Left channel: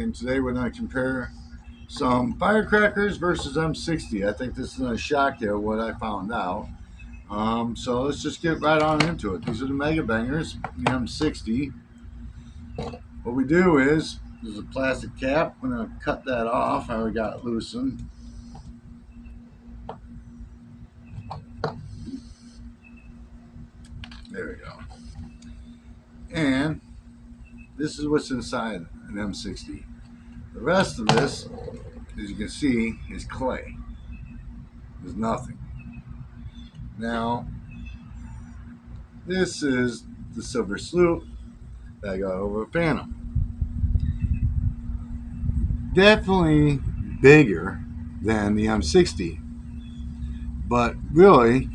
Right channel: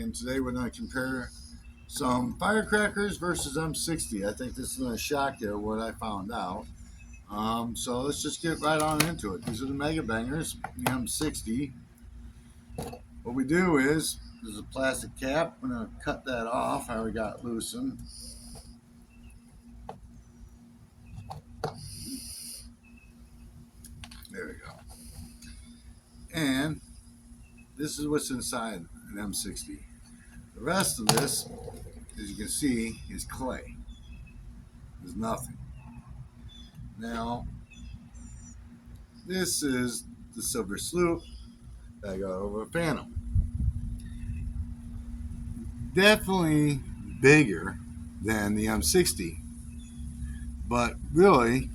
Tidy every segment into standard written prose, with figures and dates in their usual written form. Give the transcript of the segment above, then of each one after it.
and today we're going to compare some firecrackers versus M60. I think this is going to shock you what I found out. So let's just get right on into it. These are the Mega Bangers, the M60. What we do is, there's a plastic cap. I'm going to cut that off. I already got it loosened. There we go. And this is what's inside an M60. The rest of this, as you can see, is clay. There's nothing. Now, this is the Silver Sloop that I got over at Phantom. Definitely bigger than the M60, but really,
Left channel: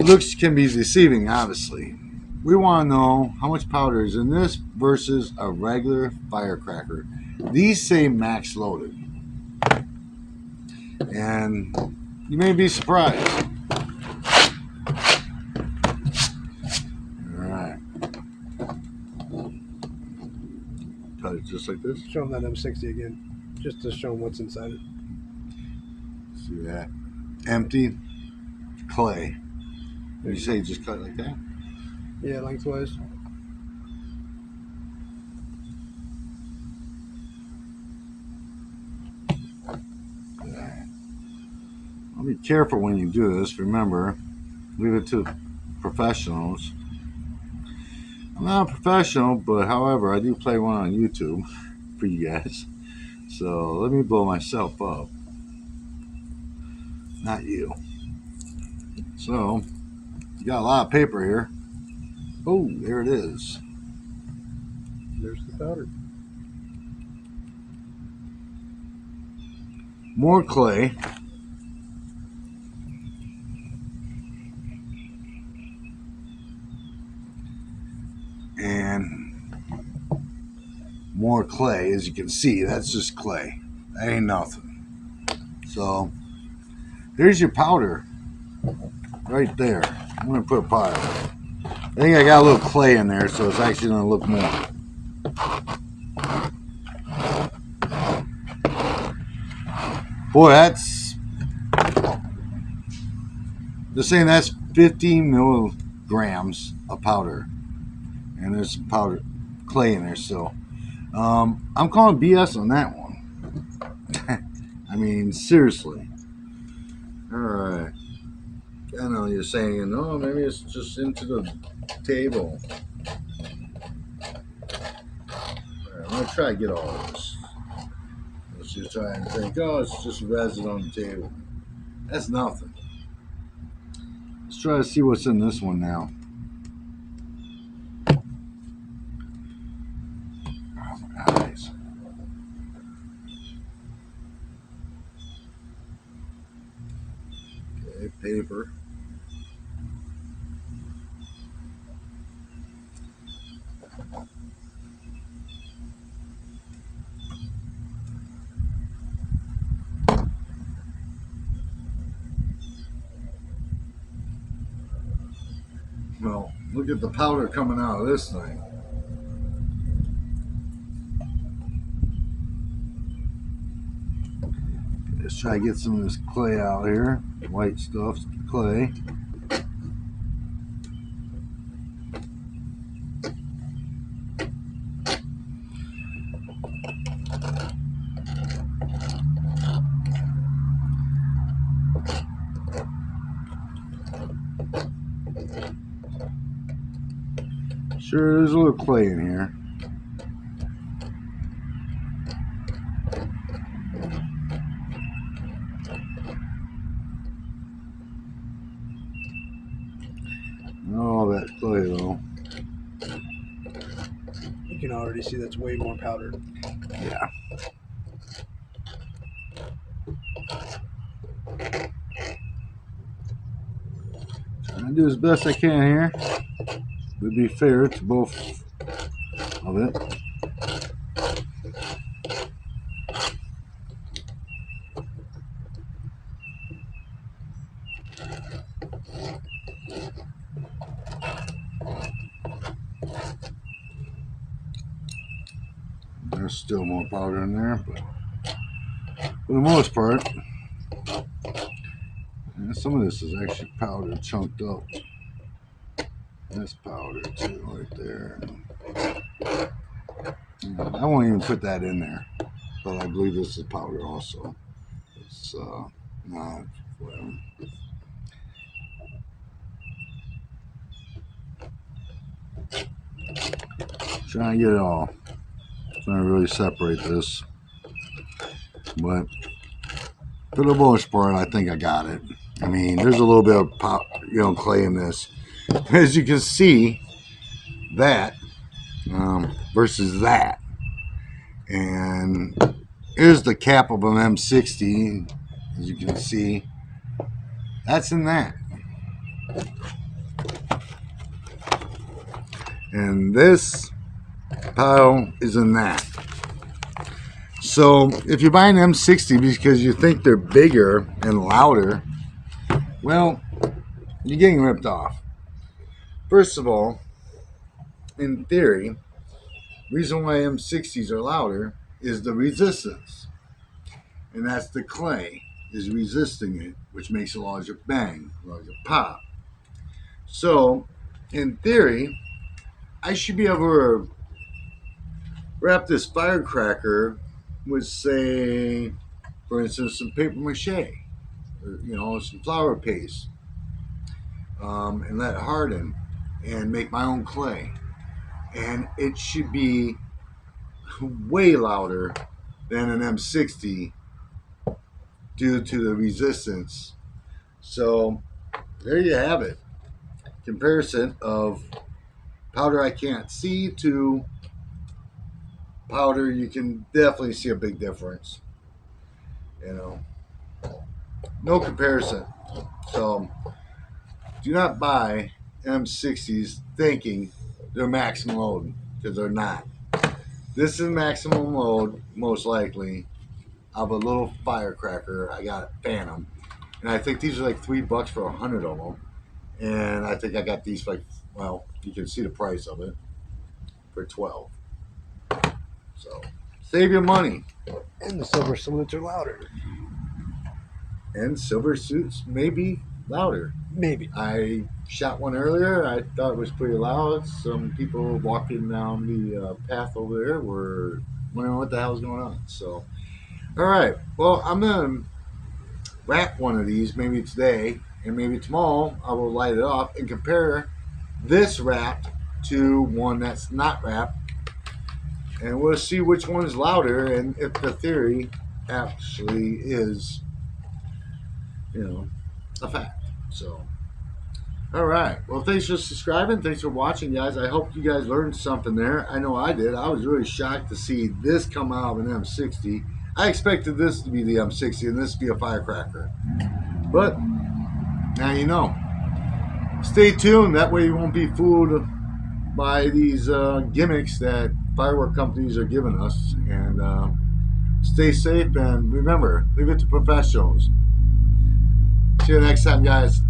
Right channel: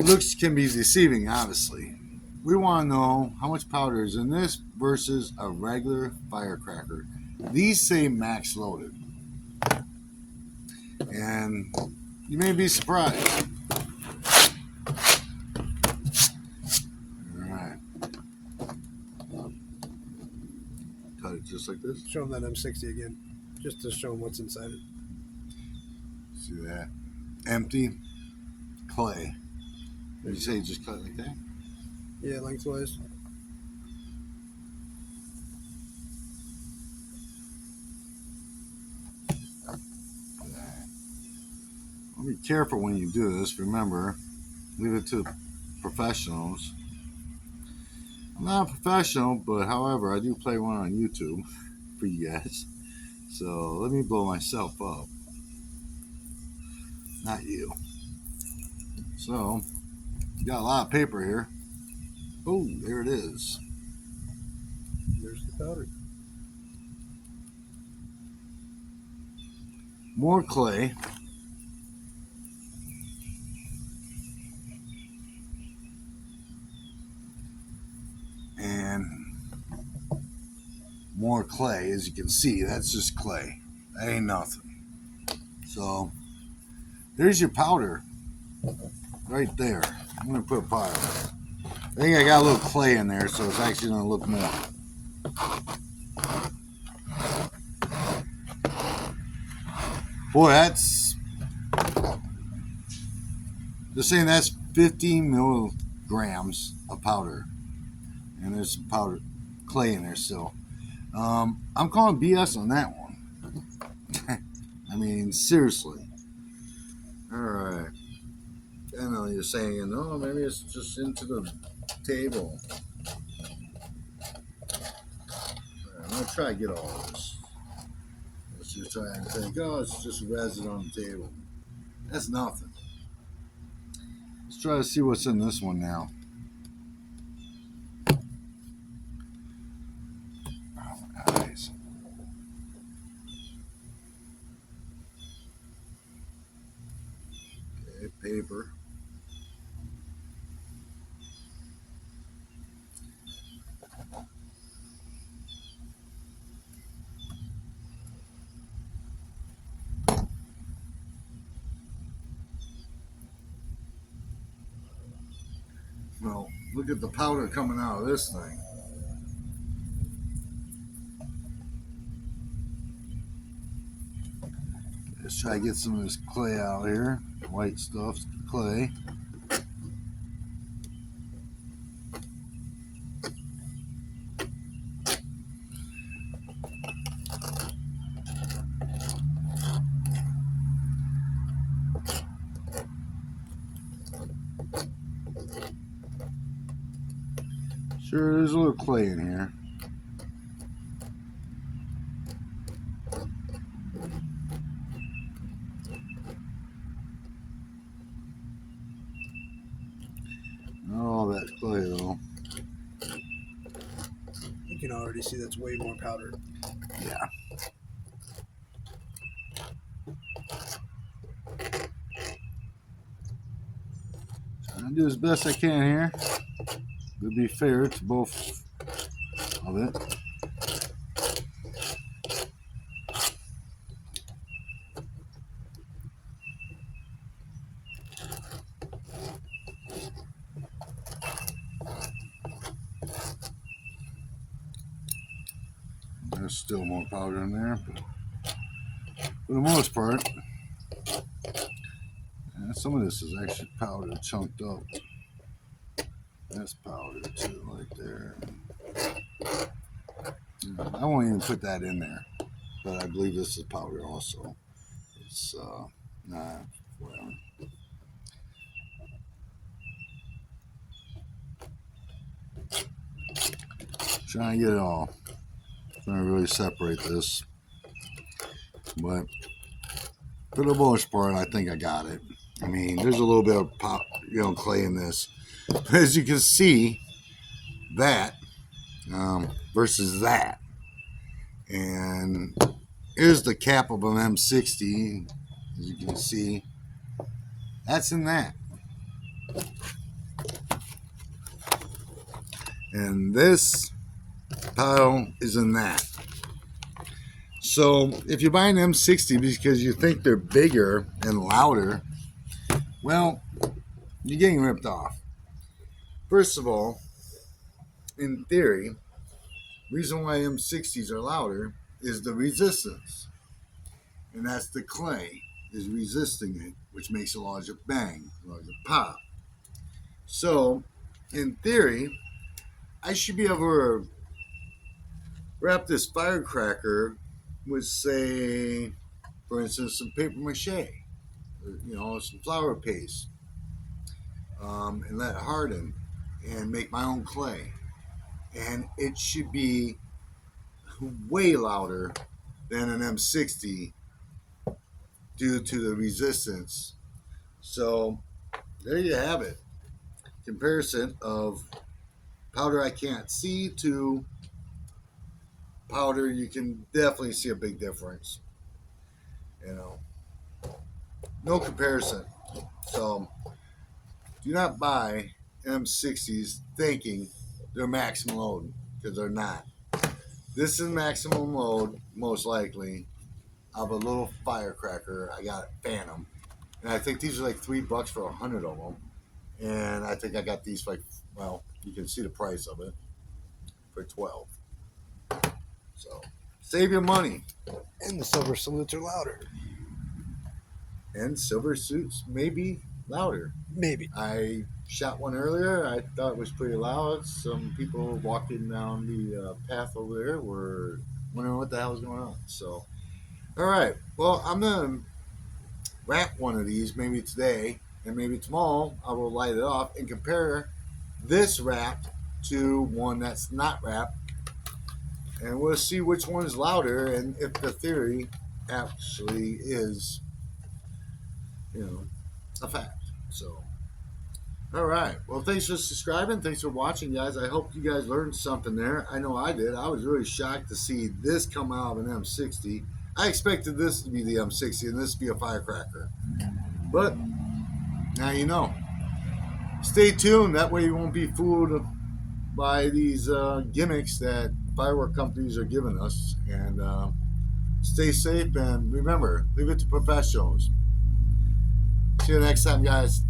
looks can be deceiving, obviously. We want to know how much powder is in this versus a regular firecracker. These say max loaded, and you may be surprised. Alright. Cut it just like this. Show them that M60 again, just to show them what's inside it. See that? Empty clay. Did you say you just cut it like that? Yeah, lengthwise. I'll be careful when you do this. Remember, leave it to professionals. I'm not a professional, but however, I do play one on YouTube for you guys. So let me blow myself up. Not you. So, you got a lot of paper here. Oh, there it is. There's the powder. More clay. And more clay, as you can see. That's just clay. That ain't nothing. So, there's your powder. Right there. I'm going to put a pile. I think I got a little clay in there, so it's actually going to look more. Boy, that's... They're saying that's 50 milligrams of powder. And there's some powder, clay in there still. I'm calling BS on that one. I mean, seriously. Alright. I know you're saying, no, maybe it's just into the table. Alright, I'm going to try to get all of this. Let's just try and think, oh, it's just resin on the table. That's nothing. Let's try to see what's in this one now. Oh, my eyes. Okay, paper. Well, look at the powder coming out of this thing. Let's try to get some of this clay out here. White stuff, clay. Sure, there's a little clay in here. Not all that clay though. You can already see that's way more powder. Yeah. Trying to do as best I can here. To be fair to both of it. There's still more powder in there, but for the most part, some of this is actually powder chunked up. That's powder too, right there. I won't even put that in there, but I believe this is powder also. It's not whatever. Trying to get it all. Trying to really separate this, but for the most part, I think I got it. I mean, there's a little bit of clay in this, as you can see. That versus that, and here's the cap of an M60. As you can see, that's in that, and this pile is in that. So if you buy an M60 because you think they're bigger and louder, well, you're getting ripped off. First of all, in theory, reason why M60s are louder is the resistance, and that's the clay is resisting it, which makes a larger bang, larger pop. So in theory, I should be able to wrap this firecracker with, say, for instance, some paper mache, or, some flour paste, and let it harden and make my own clay. And it should be way louder than an M60 due to the resistance. So there you have it. Comparison of powder I can't see to powder you can definitely see a big difference. No comparison. So do not buy M60s thinking they're maximum load, because they're not. This is maximum load, most likely, of a little firecracker. I got Phantom, and I think these are like $3 for 100 of them. And I think I got these for you can see the price of it, for 12. So save your money. And the silver salutes are louder. And silver suits may be louder. Maybe. I shot one earlier. I thought it was pretty loud. Some people walking down the path over there were wondering what the hell was going on. So, all right. Well, I'm going to wrap one of these maybe today, and maybe tomorrow I will light it off and compare this wrapped to one that's not wrapped. And we'll see which one's louder and if the theory actually is, a fact. So, all right. Well, thanks for subscribing. Thanks for watching, guys. I hope you guys learned something there. I know I did. I was really shocked to see this come out of an M60. I expected this to be the M60 and this to be a firecracker. But now you know. Stay tuned. That way you won't be fooled by these gimmicks that firework companies are giving us. And stay safe, and remember, leave it to professionals. See you next time, guys.